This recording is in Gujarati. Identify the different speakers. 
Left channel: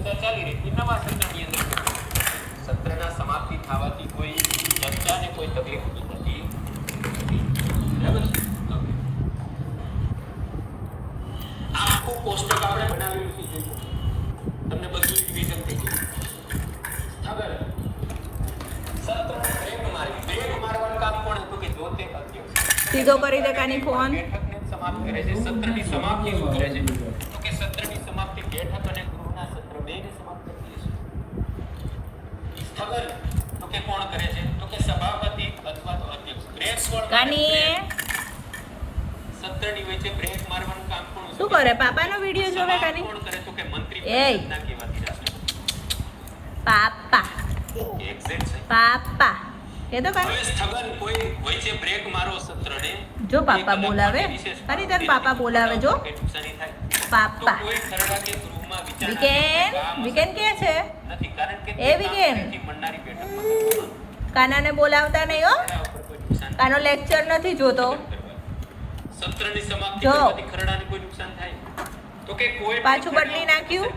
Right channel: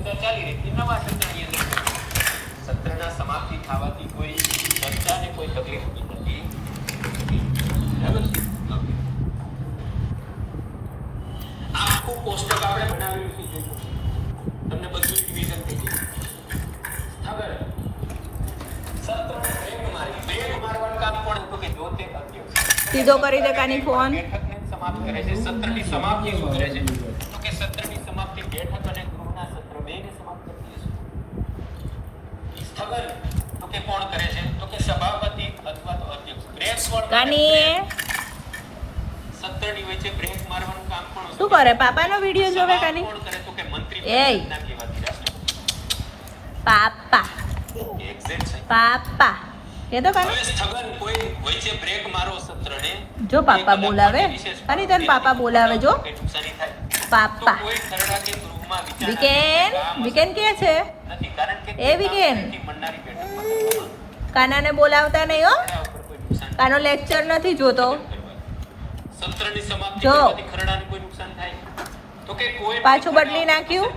Speaker 1: આ સત્રની અંદર સત્રના સમાપ્તિ થવાથી કોઈ ચર્ચાને કોઈ તકલીફ નથી. આખું કોષ્ટક આપણે છે તમને બધું રિવિઝન થઈ ગયું.
Speaker 2: સીધો કરી દે કાની ફોન.
Speaker 1: સમાપ્ત કરે છે. સત્રની સમાપ્તિ શું કરે છે તો કે સત્રની સમાપ્તિ બેઠક અને ગૃહના સત્ર બેયને સમાપ્ત કરીએ છીએ સ્થગન તો કે કોણ કરે છે? તો કે સભાપતિ અથવા તો અધ્યક્ષ. બ્રેક કોણ?
Speaker 2: કાની
Speaker 1: હોય છે બ્રેક મારવાનું કામ કોણ
Speaker 2: શું કરે? પાપાનો વીડિયો જોવે કાની?
Speaker 1: કોણ કરે? તો કે મંત્રી રહેશે.
Speaker 2: પાપા. પાપા. કે તો કાની
Speaker 1: સ્થગન કોઈ વચ્ચે બ્રેક મારો સત્રને?
Speaker 2: જો પાપા બોલાવે. કાની તન પાપા બોલાવે જો. પાપા.
Speaker 1: તો કોઈ ખરડાથી ગૃહમાં વિચારણા
Speaker 2: વિકેન વિકેન કે છે?
Speaker 1: નથી.
Speaker 2: એ વિકેન. કાનાને બોલાવતા નહીં હો કાનો લેક્ચર નથી જોતો જો. પાછું બદલી નાખ્યું?